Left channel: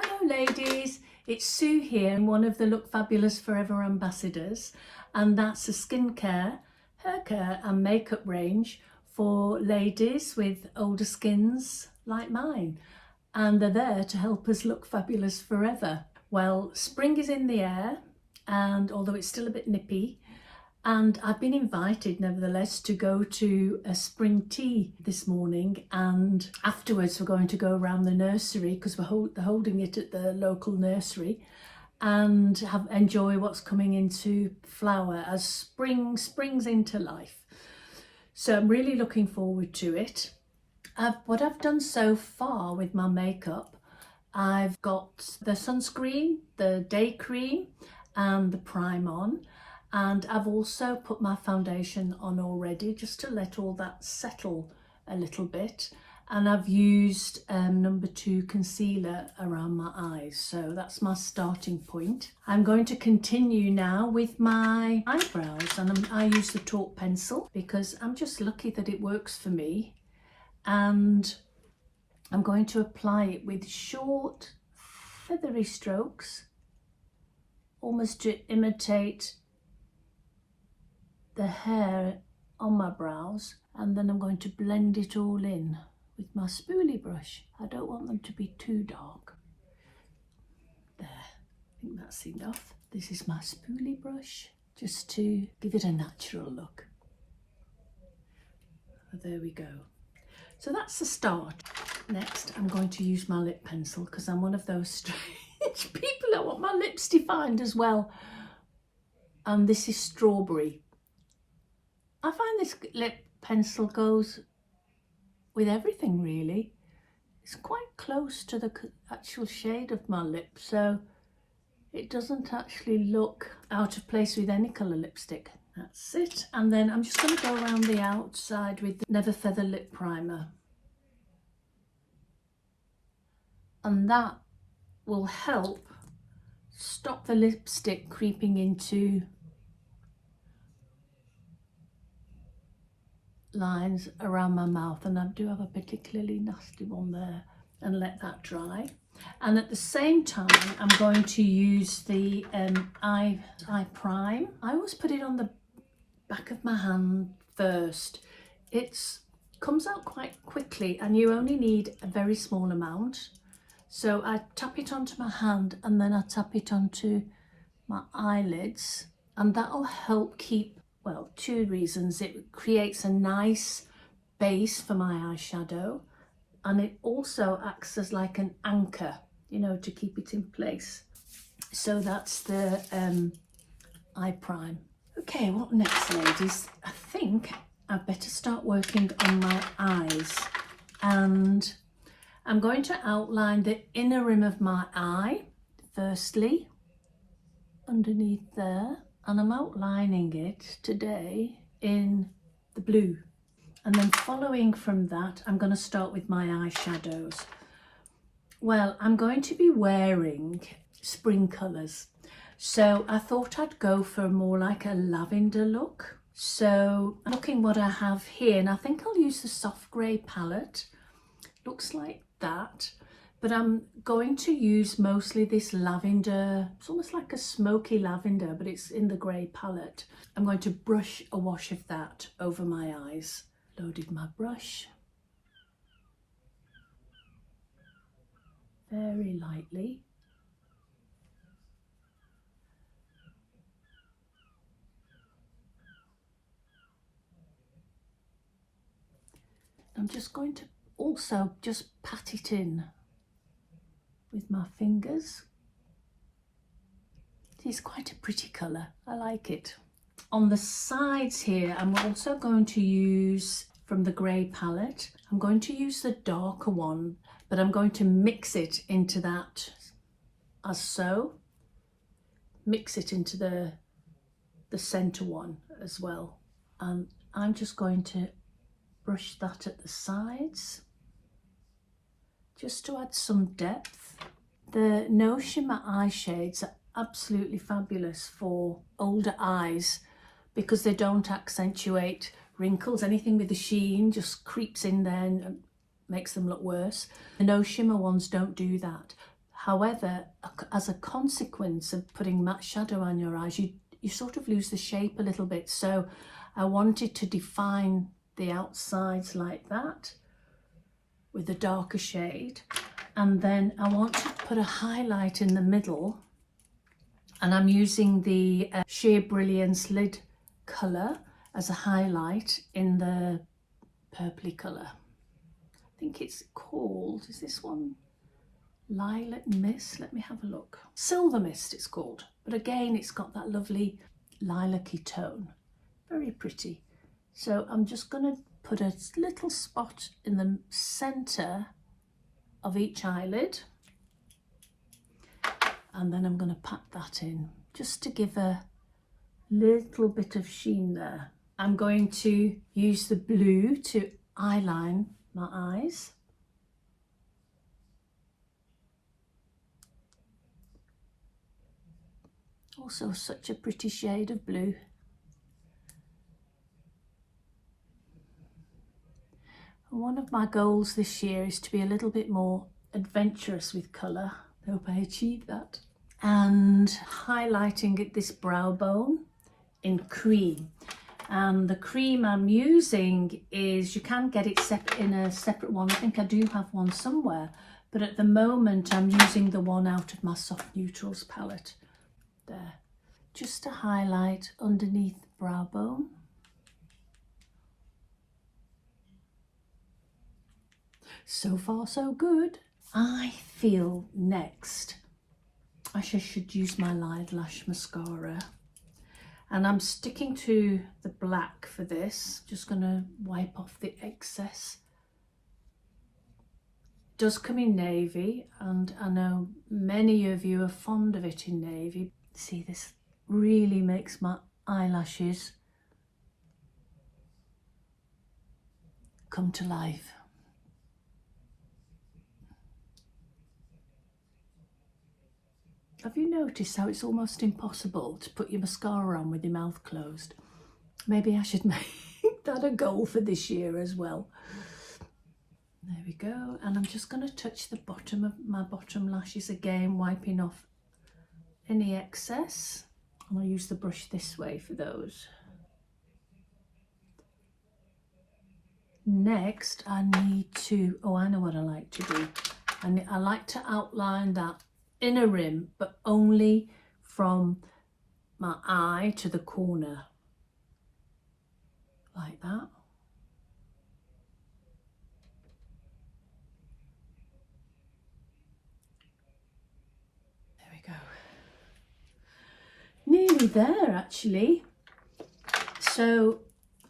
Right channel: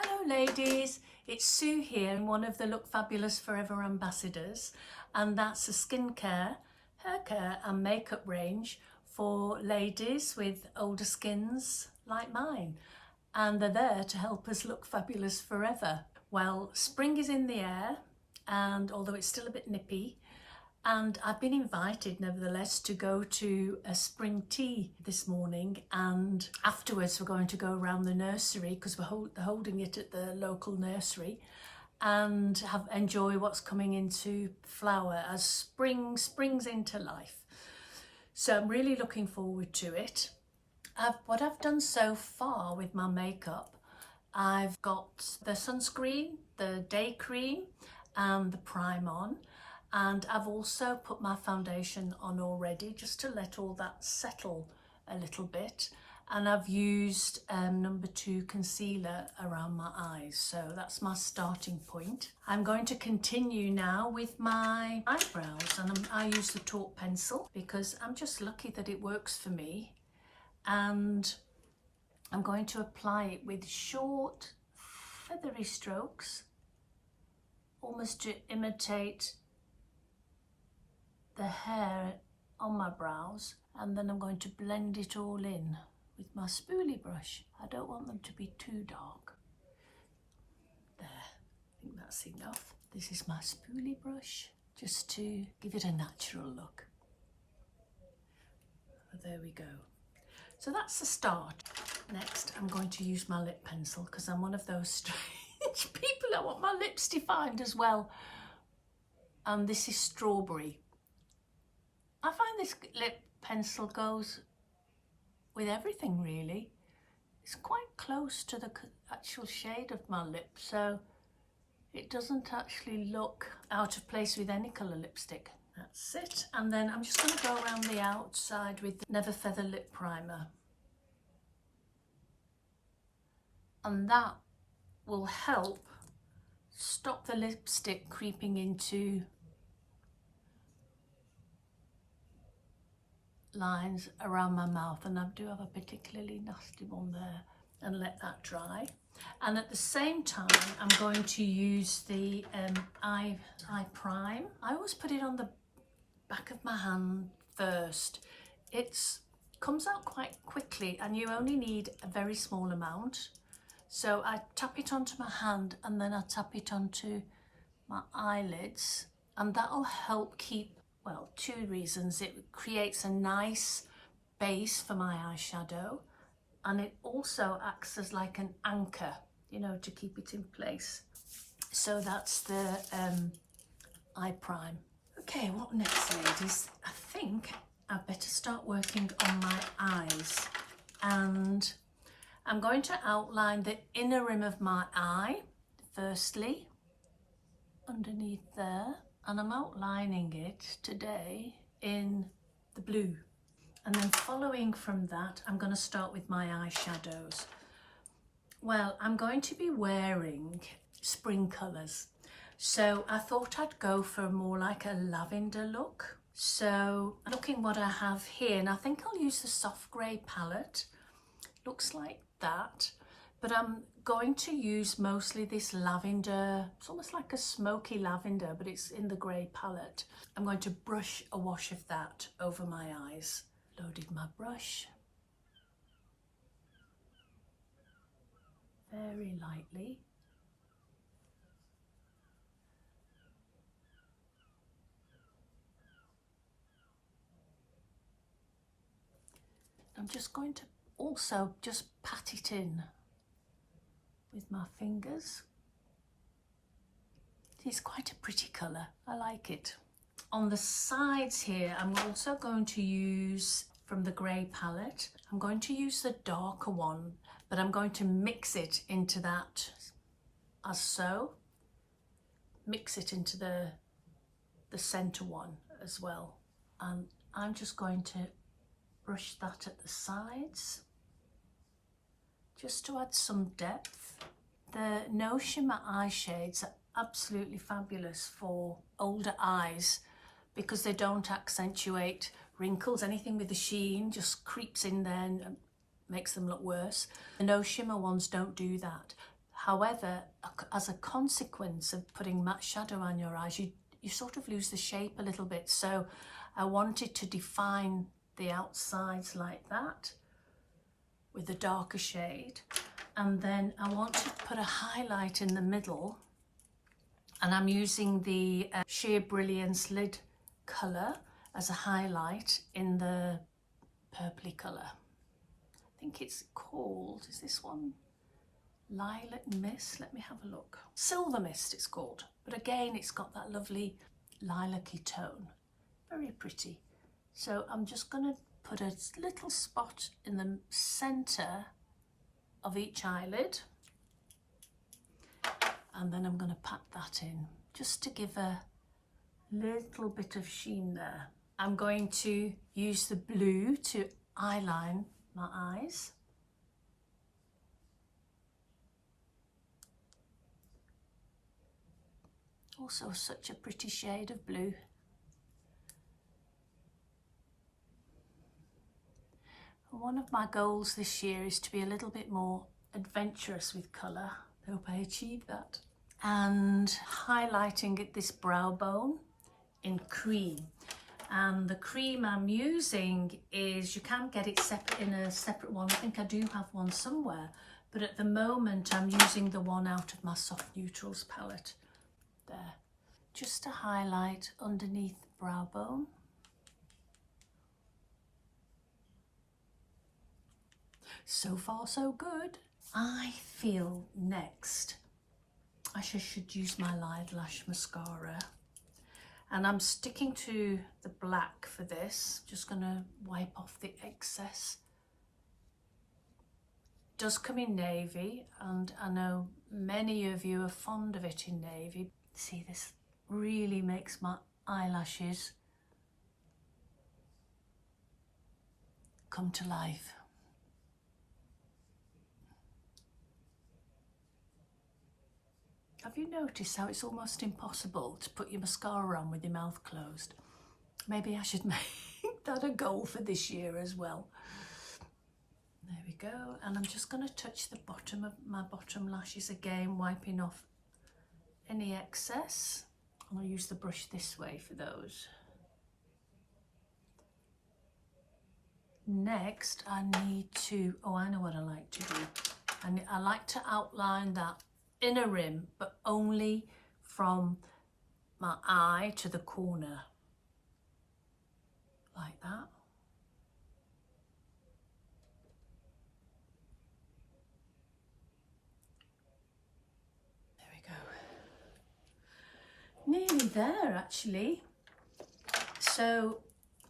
Hello ladies, it's Sue here, and one of the Look Fabulous Forever ambassadors, and that's a skincare, hair care and makeup range for ladies with older skins like mine, and they're there to help us look fabulous forever. Well, spring is in the air, and although it's still a bit nippy, and I've been invited nevertheless to go to a spring tea this morning, and afterwards we're going to go around the nursery because they're holding it at the local nursery, and enjoy what's coming into flower as springs into life. So I'm really looking forward to it. What I've done so far with my makeup, I've got the sunscreen, the day cream and the prime on. And I've also put my foundation on already just to let all that settle a little bit. And I've used number 2 concealer around my eyes. So that's my starting point. I'm going to continue now with my eyebrows, and I use the Talk pencil because I'm just lucky that it works for me. And I'm going to apply it with short, feathery strokes, almost to imitate the hair on my brows, and then I'm going to blend it all in with my spoolie brush. I don't want them to be too dark. There, I think that's enough. This is my spoolie brush just to give it a natural look. There we go. So that's the start. Next, I'm going to use my lip pencil because I'm one of those strange people that want my lips defined as well. And this is strawberry. I find this lip pencil goes with everything really. It's quite close to the actual shade of my lip, so it doesn't actually look out of place with any colour lipstick. That's it. And then I'm just going to go around the outside with the Never Feather Lip Primer. And that will help stop the lipstick creeping into lines around my mouth, and I do have a particularly nasty one there, and let that dry. And at the same time I'm going to use the eye prime. I always put it on the back of my hand first. It comes out quite quickly and you only need a very small amount. So I tap it onto my hand and then I tap it onto my eyelids, and that'll help keep, well, 2 reasons. It creates a nice base for my eyeshadow, and it also acts as like an anchor, you know, to keep it in place. So that's the eye prime. Okay, what next, ladies? I think I better start working on my eyes, and I'm going to outline the inner rim of my eye firstly, underneath there. And I'm outlining it today in the blue. And then following from that, I'm going to start with my eyeshadows. Well, I'm going to be wearing spring colours. So I thought I'd go for more like a lavender look. So looking what I have here, and I think I'll use the soft grey palette. Looks like that. But I'm going to use mostly this lavender. It's almost like a smoky lavender, but it's in the grey palette. I'm going to brush a wash of that over my eyes. Loaded my brush. Very lightly. I'm just going to also just pat it in with my fingers. It's quite a pretty colour. I like it. On the sides here, I'm also going to use from the grey palette. I'm going to use the darker one, but I'm going to mix it into that as so. Mix it into the centre one as well. And I'm just going to brush that at the sides, just to add some depth. The No Shimmer eye shades are absolutely fabulous for older eyes because they don't accentuate wrinkles. Anything with the sheen just creeps in there and makes them look worse. The No Shimmer ones don't do that. However, as a consequence of putting matte shadow on your eyes, you sort of lose the shape a little bit. So I wanted to define the outsides like that with a darker shade. And then I want to put a highlight in the middle. And I'm using the Sheer Brilliance lid colour as a highlight in the purpley colour. I think it's called, is this one? Lilac Mist, let me have a look. Silver Mist it's called, but again it's got that lovely lilac-y tone, very pretty. So I'm just going to put a little spot in the centre of each eyelid, and then I'm going to pat that in just to give a little bit of sheen there. I'm going to use the blue to eyeline my eyes. Also such a pretty shade of blue. And one of my goals this year is to be a little bit more adventurous with colour. I hope I achieve that. And highlighting at this brow bone in cream. And the cream I'm using is, you can get it in a separate one. I think I do have one somewhere, but at the moment I'm using the one out of my Soft Neutrals palette. There, just to highlight underneath the brow bone. So far so good. I feel next I should use my Lash mascara, and I'm sticking to the black for this. Just going to wipe off the excess. It does come in navy, and I know many of you are fond of it in navy. See, this really makes my eyelashes come to life. Have you noticed how it's almost impossible to put your mascara on with your mouth closed? Maybe I should make that a goal for this year as well. There we go. And I'm just going to touch the bottom of my bottom lashes again, wiping off any excess. And I'll use the brush this way for those. Next, I need to, oh, I know what I like to do. I like to outline that inner rim, but only from my eye to the corner, like that. There we go. Nearly there, actually. So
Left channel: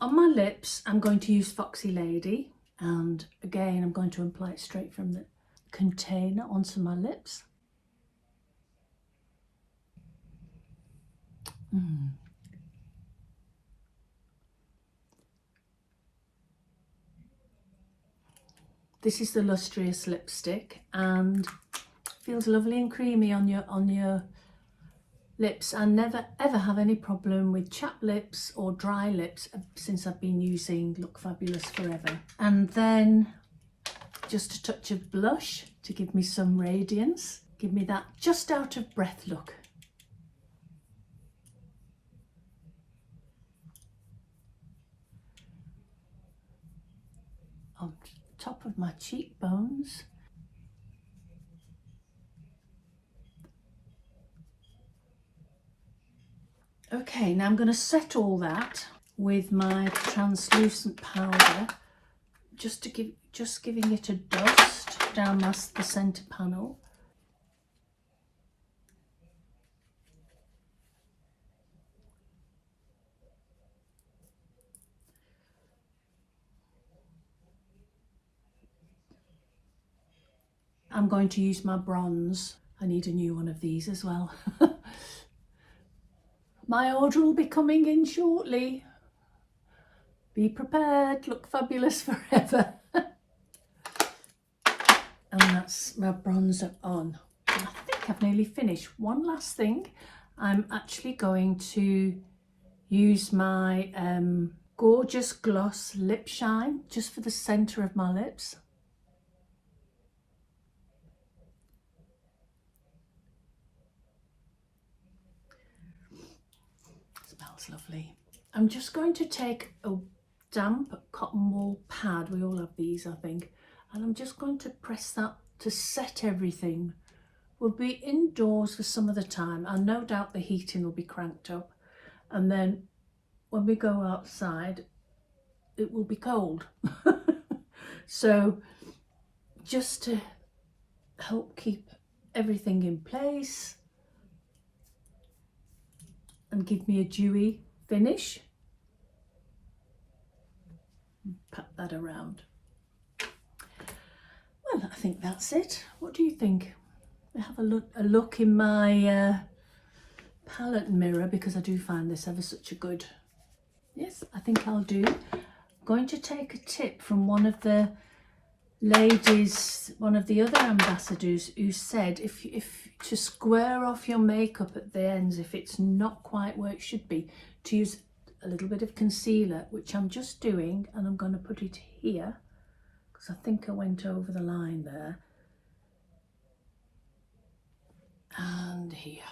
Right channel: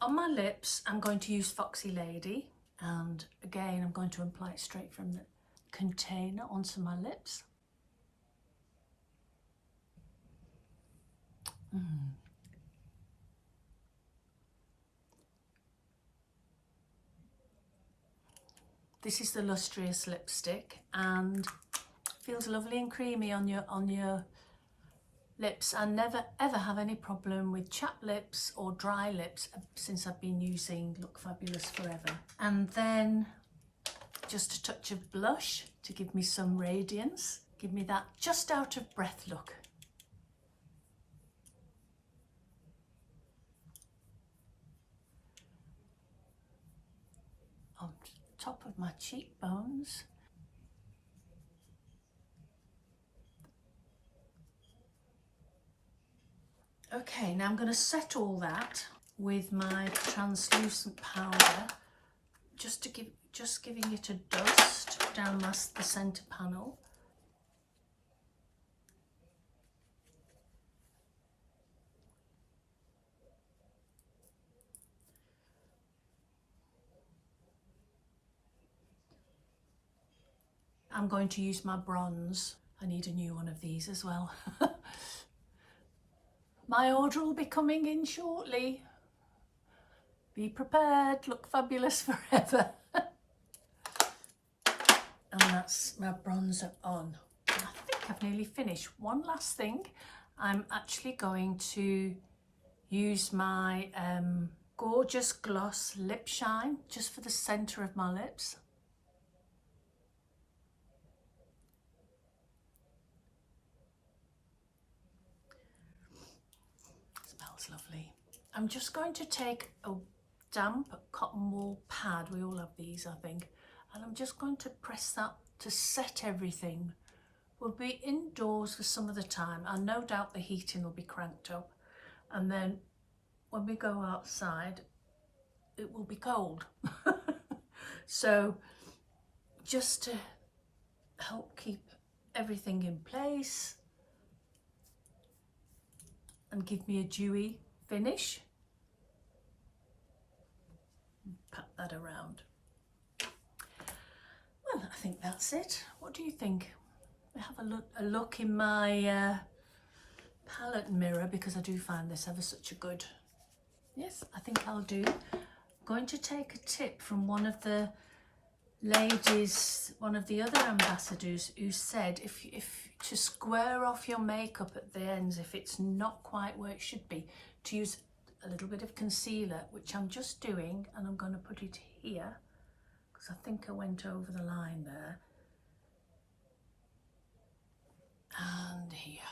on my lips, I'm going to use Foxy Lady, and again, I'm going to apply it straight from the container onto my lips. This is the Lustrous lipstick, and feels lovely and creamy on your lips. I never ever have any problem with chapped lips or dry lips since I've been using Look Fabulous forever. And then just a touch of blush to give me some radiance, give me that just out of breath look. On top of my cheekbones. Okay, now I'm going to set all that with my translucent powder, just giving it a dust down the centre panel. I'm going to use my bronze. I need a new one of these as well. My order will be coming in shortly. Be prepared, Look Fabulous forever. And that's my bronzer on. And I think I've nearly finished. One last thing. I'm actually going to use my Gorgeous Gloss Lip Shine just for the centre of my lips. that's lovely. I'm just going to take a damp cotton wool pad, we all have these I think, and I'm just going to press that to set everything. We'll be indoors for some of the time and no doubt the heating will be cranked up, and then when we go outside it will be cold. So just to help keep everything in place and give me a dewy finish, pat that around. Well, I think that's it. What do you think? I have a look in my palette mirror, because I do find this ever such a good. Yes, I think I'll do. I'm going to take a tip from one of the ladies, one of the other ambassadors, who said if to square off your makeup at the ends if it's not quite where it should be, to use a little bit of concealer, which I'm just doing, and I'm going to put it here because I think I went over the line there, and here,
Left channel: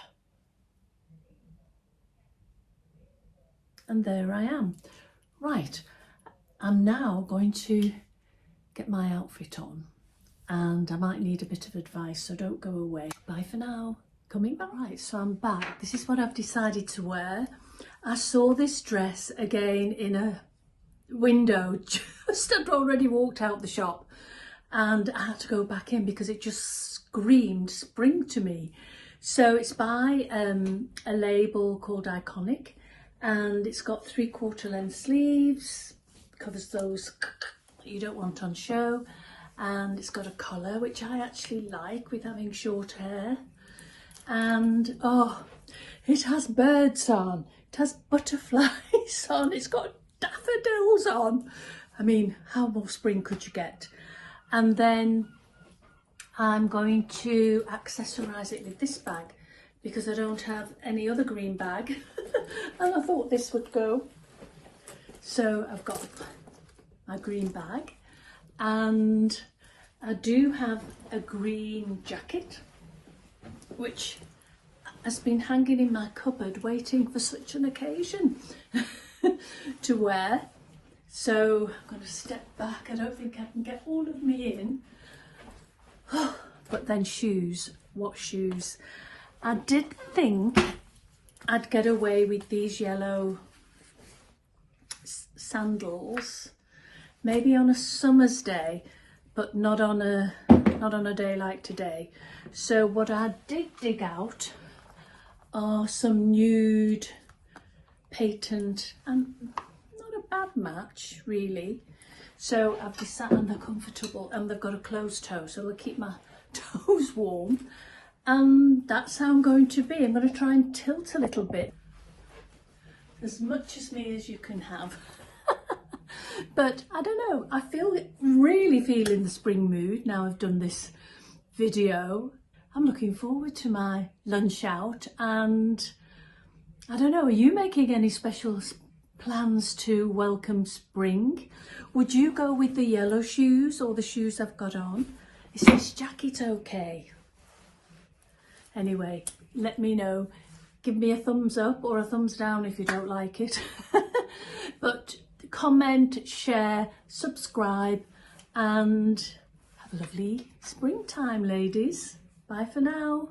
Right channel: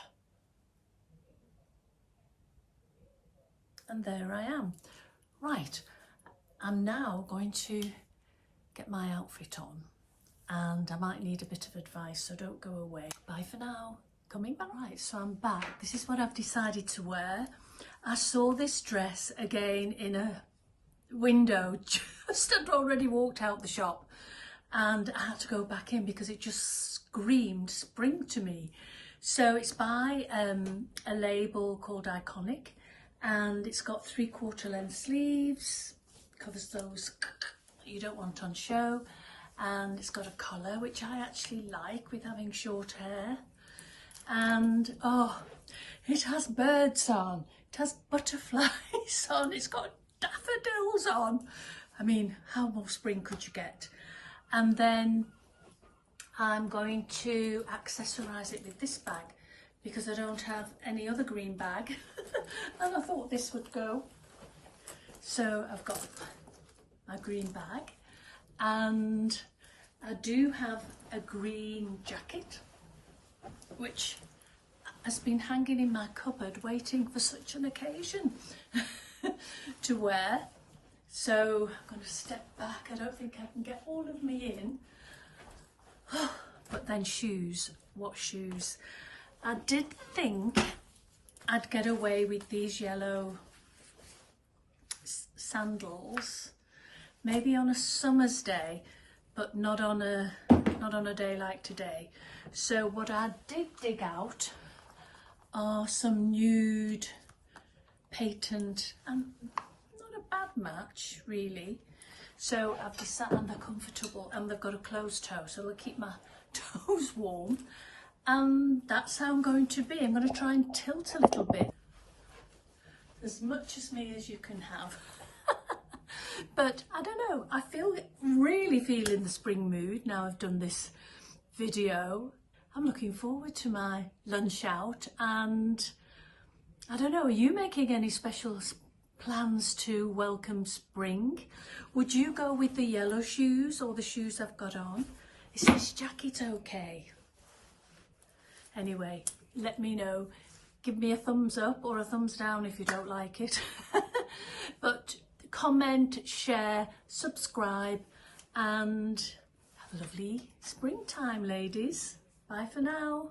and there I am. Right, I'm now going to get my outfit on, and I might need a bit of advice, so don't go away. Bye for now. Coming back. Right, so I'm back. This is what I've decided to wear. I saw this dress again in a window just I'd already walked out the shop, and I had to go back in because it just screamed spring to me. So it's by a label called Iconic, and it's got 3/4 length sleeves, covers those you don't want on show, and it's got a collar which I actually like with having short hair, and oh, it has birds on, it has butterflies on, it's got daffodils on. I mean, how more spring could you get? And then I'm going to accessorize it with this bag because I don't have any other green bag and I thought this would go. So I've got my green bag, and I do have a green jacket which has been hanging in my cupboard waiting for such an occasion to wear. So I'm going to step back. I don't think I can get all of me in. But then shoes, what shoes? I did think I'd get away with these yellow sandals maybe on a summer's day, but not on a day like today. So what I did dig out are some nude patent, and not a bad match really. So I've decided, and they're comfortable, and they've got a closed toe, so they'll keep my toes warm, and that's how I'm going to be. I'm going to try and tilt a little bit, as much as me as you can have. But I don't know, I really feel in the spring mood now I've done this video. I'm looking forward to my lunch out, and I don't know, are you making any special plans to welcome spring? Would you go with the yellow shoes or the shoes I've got on? Is this jacket okay? Anyway, let me know. Give me a thumbs up or a thumbs down if you don't like it. But comment, share, subscribe, and have a lovely springtime, ladies. Bye for now.